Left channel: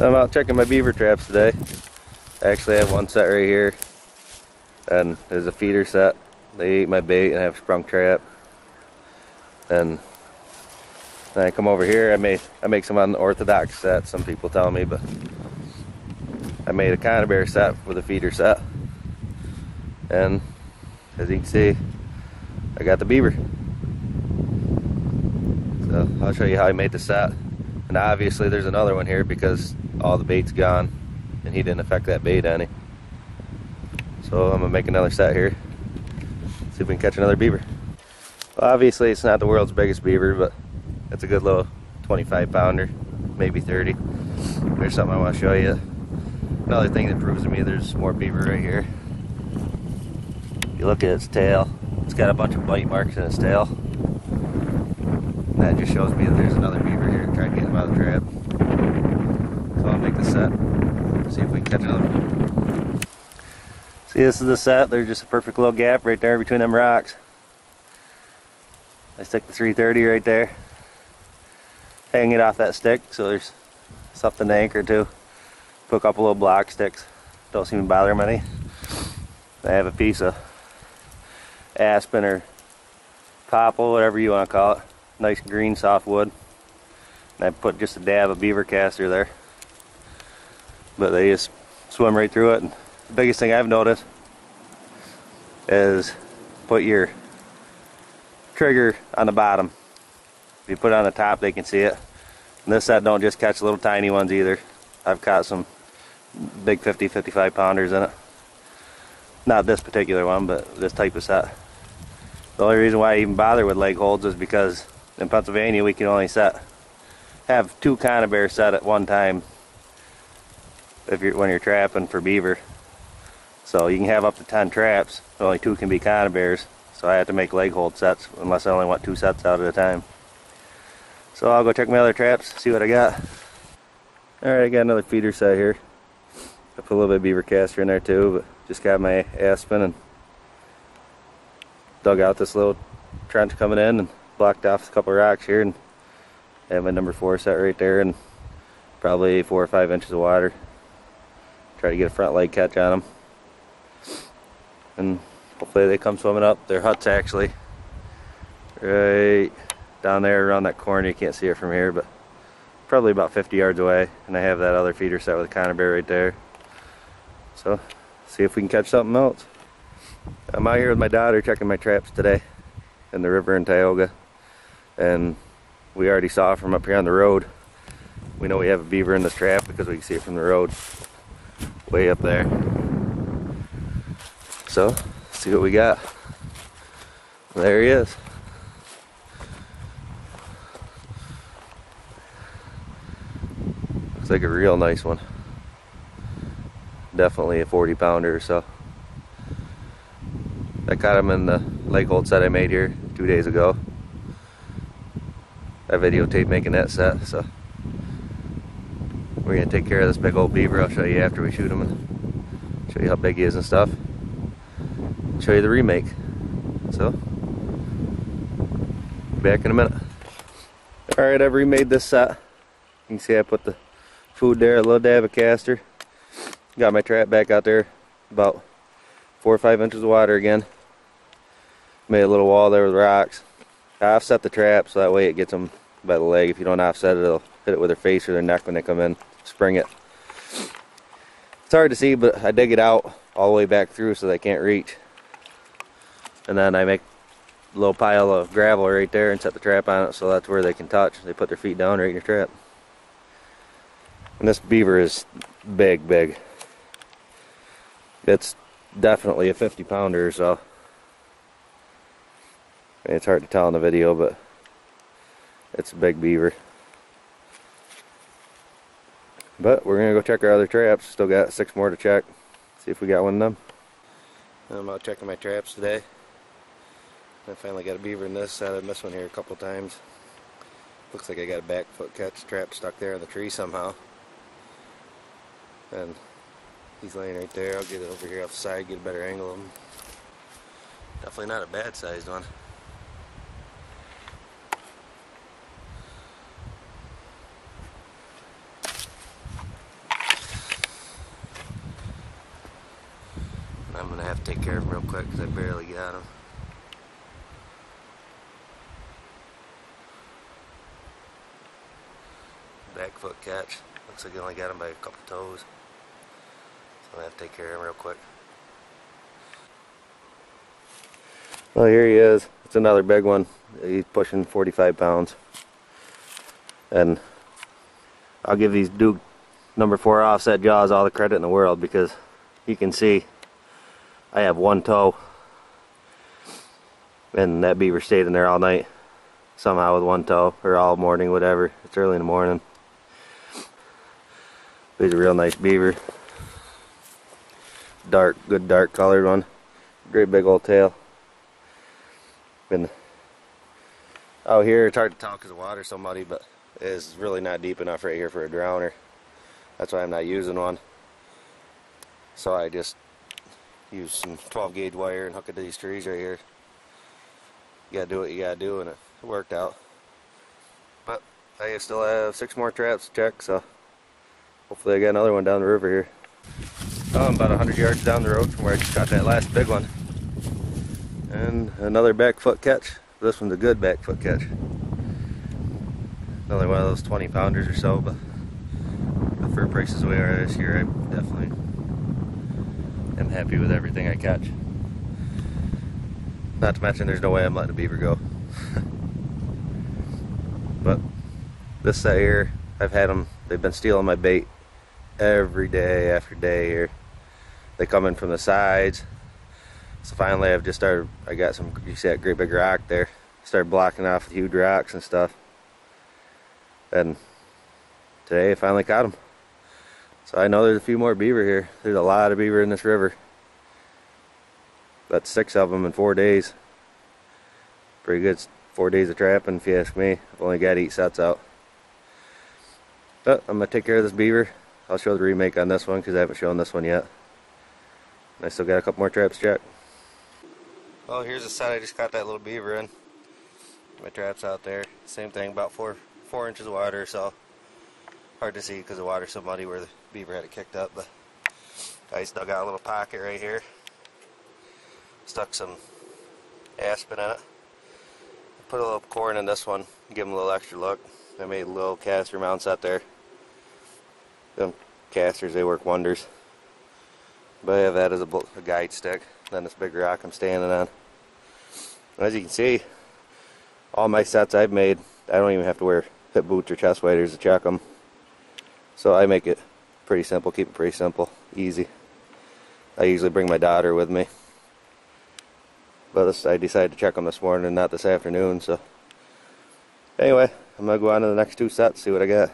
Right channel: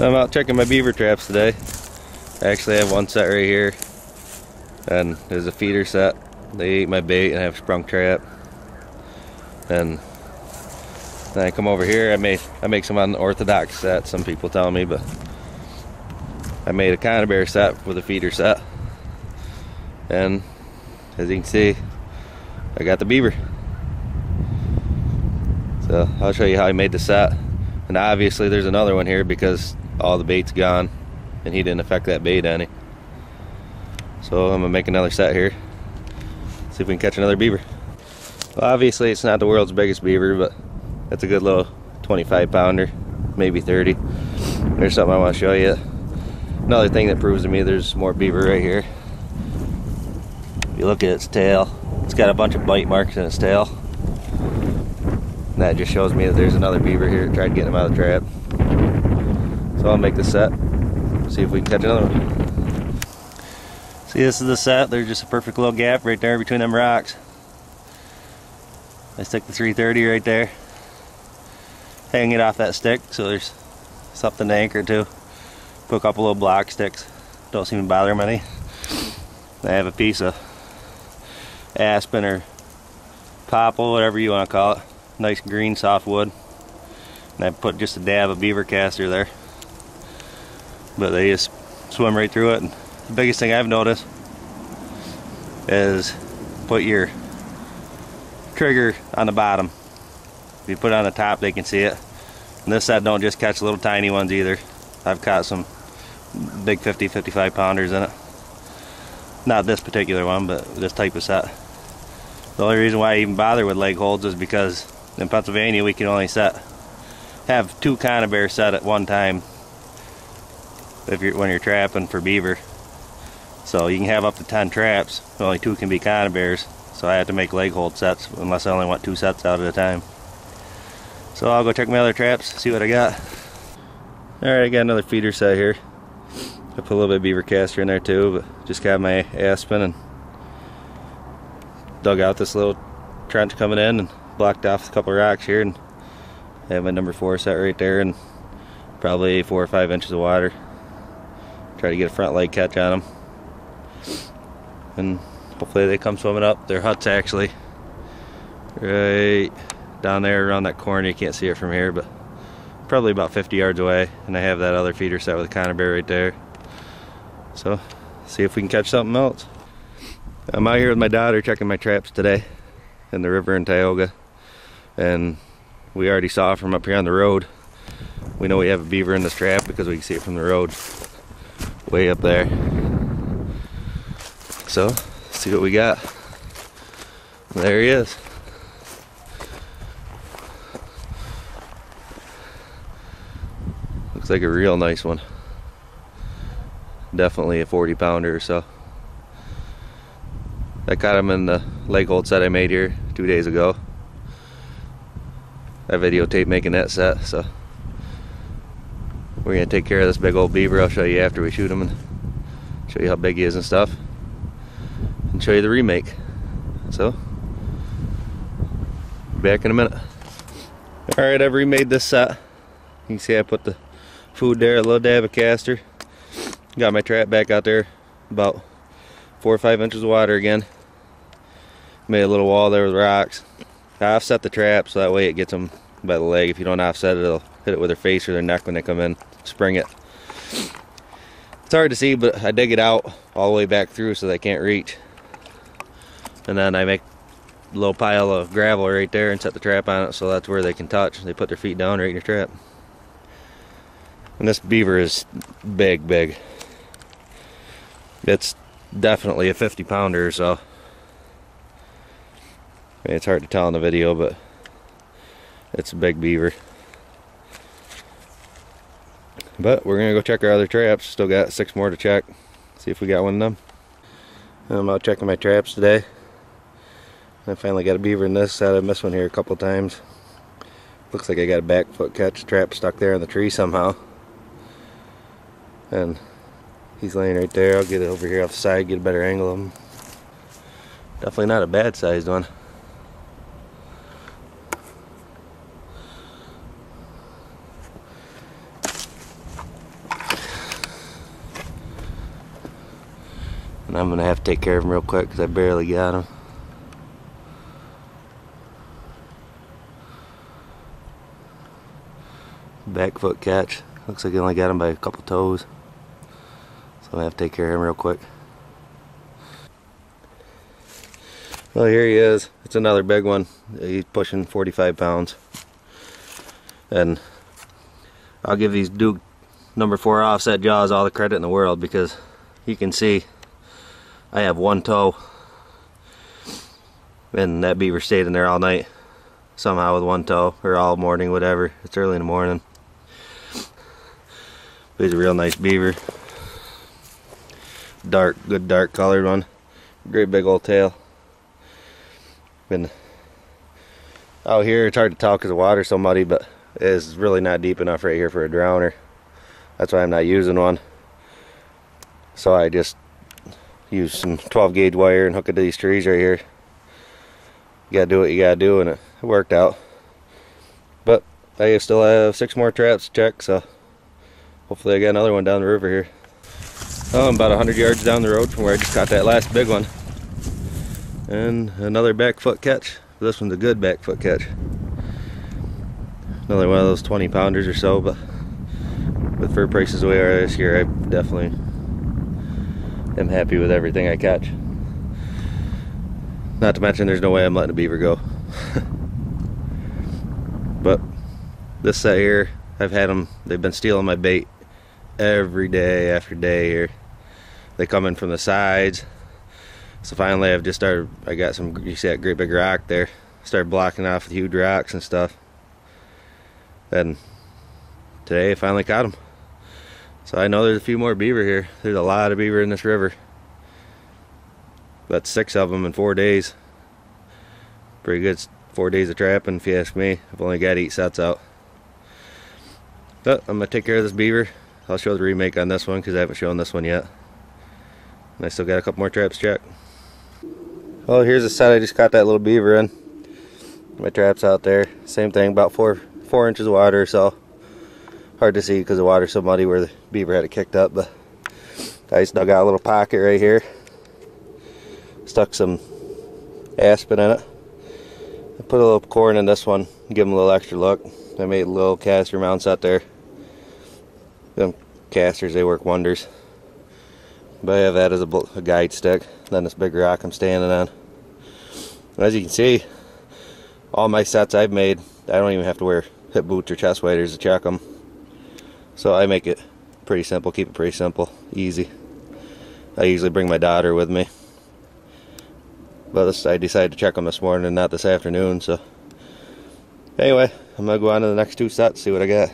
I'm out checking my beaver traps today. I actually have one set right here, and there's a feeder set. They ate my bait and I have a sprung trap. And then I come over here, I make some unorthodox sets, some people tell me, but I made a conibear set with a feeder set. And as you can see, I got the beaver. So I'll show you how I made the set. And obviously there's another one here because all the bait's gone and he didn't affect that bait any. So I'm gonna make another set here, see if we can catch another beaver. Well, obviously it's not the world's biggest beaver, but it's a good little 25 pounder, maybe 30. There's something I want to show you. Another thing that proves to me there's more beaver right here. If you look at its tail, it's got a bunch of bite marks in its tail. And that just shows me that there's another beaver here. Tried to get him out of the trap. So I'll make the set, see if we can catch another one. See, this is the set. There's just a perfect little gap right there between them rocks. I stick the 330 right there, hang it off that stick so there's something to anchor to. Put a couple little block sticks, don't seem to bother them any. I have a piece of aspen or popple, whatever you want to call it, nice green soft wood, and I put just a dab of beaver caster there, but they just swim right through it. And the biggest thing I've noticed is put your trigger on the bottom. If you put it on the top, they can see it. And this set don't just catch little tiny ones either. I've caught some big 50, 55 pounders in it. Not this particular one, but this type of set. The only reason why I even bother with leg holds is because in Pennsylvania we can only have 2 conibears set at one time when you're trapping for beaver. So you can have up to 10 traps, only 2 can be conibears. So I have to make leg hold sets unless I only want 2 sets out at a time. So I'll go check my other traps, see what I got. Alright, I got another feeder set here. I put a little bit of beaver caster in there too, but just got my aspen and dug out this little trench coming in and blocked off a couple of rocks here, and I have my number 4 set right there and probably 4 or 5 inches of water. Try to get a front leg catch on them. And hopefully they come swimming up. Their hut's actually right down there around that corner. You can't see it from here, but probably about 50 yards away. And I have that other feeder set with a conibear right there. So, see if we can catch something else. I'm out here with my daughter checking my traps today in the river in Tioga. And we already saw from up here on the road. We know we have a beaver in this trap because we can see it from the road way up there. So, see what we got. There he is. Looks like a real nice one. Definitely a 40 pounder or so. I caught him in the leg hold set I made here 2 days ago. I videotaped making that set, so we're gonna take care of this big old beaver. I'll show you after we shoot him and show you how big he is and stuff. Show you the remake. So, back in a minute. Alright, I've remade this set. You can see I put the food there, a little dab of caster. Got my trap back out there, about 4 or 5 inches of water again. Made a little wall there with rocks. I offset the trap so that way it gets them by the leg. If you don't offset it, it'll hit it with their face or their neck when they come in. Spring it. It's hard to see, but I dig it out all the way back through so they can't reach. And then I make a little pile of gravel right there and set the trap on it so that's where they can touch. They put their feet down right in your trap. And this beaver is big, big. It's definitely a 50 pounder or so. I mean, it's hard to tell in the video, but it's a big beaver. But we're gonna go check our other traps. Still got 6 more to check. See if we got one of them. I'm out checking my traps today. I finally got a beaver in this set. I missed one here a couple times. Looks like I got a back foot catch trap stuck there in the tree somehow. And he's laying right there. I'll get it over here off the side, get a better angle of him. Definitely not a bad sized one. And I'm gonna have to take care of him real quick because I barely got him. Back foot catch. Looks like I only got him by a couple toes. So I'm gonna have to take care of him real quick. Well, here he is. It's another big one. He's pushing 45 pounds. And I'll give these Duke number 4 offset jaws all the credit in the world, because you can see I have one toe, and that beaver stayed in there all night somehow with one toe, or all morning, whatever. It's early in the morning. He's a real nice beaver. Dark, good dark colored one. Great big old tail. Been out here, it's hard to tell because the water's so muddy, but it's really not deep enough right here for a drowner. That's why I'm not using one. So I just use some 12 gauge wire and hook it to these trees right here. You gotta do what you gotta do, and it worked out. But I still have 6 more traps to check, so hopefully I get another one down the river here. Well, I'm about 100 yards down the road from where I just caught that last big one. And another back foot catch. This one's a good back foot catch. Another one of those 20 pounders or so, but with fur prices the way they are this year, I definitely am happy with everything I catch. Not to mention there's no way I'm letting a beaver go. But this set here, I've had them, they've been stealing my bait every day after day here. They come in from the sides. So finally I've just started, I got some, you see that great big rock there, started blocking off the huge rocks and stuff. And today I finally caught them. So I know there's a few more beaver here. There's a lot of beaver in this river. About 6 of them in 4 days. Pretty good 4 days of trapping if you ask me. I've only got 8 sets out. But I'm going to take care of this beaver. I'll show the remake on this one because I haven't shown this one yet. And I still got a couple more traps to check. Well, here's the set I just caught that little beaver in. My trap's out there. Same thing, about 4 inches of water or so. Hard to see because the water's so muddy where the beaver had it kicked up, but I just dug out a little pocket right here. Stuck some aspen in it. I put a little corn in this one, give them a little extra look. I made little caster mounts out there. Them casters, they work wonders. But I have that as a guide stick. Then this big rock I'm standing on. As you can see, all my sets I've made, I don't even have to wear hip boots or chest waders to check them. So I make it pretty simple, keep it pretty simple, easy. I usually bring my daughter with me. But I decided to check them this morning and not this afternoon, so. Anyway, I'm going to go on to the next 2 sets, see what I got.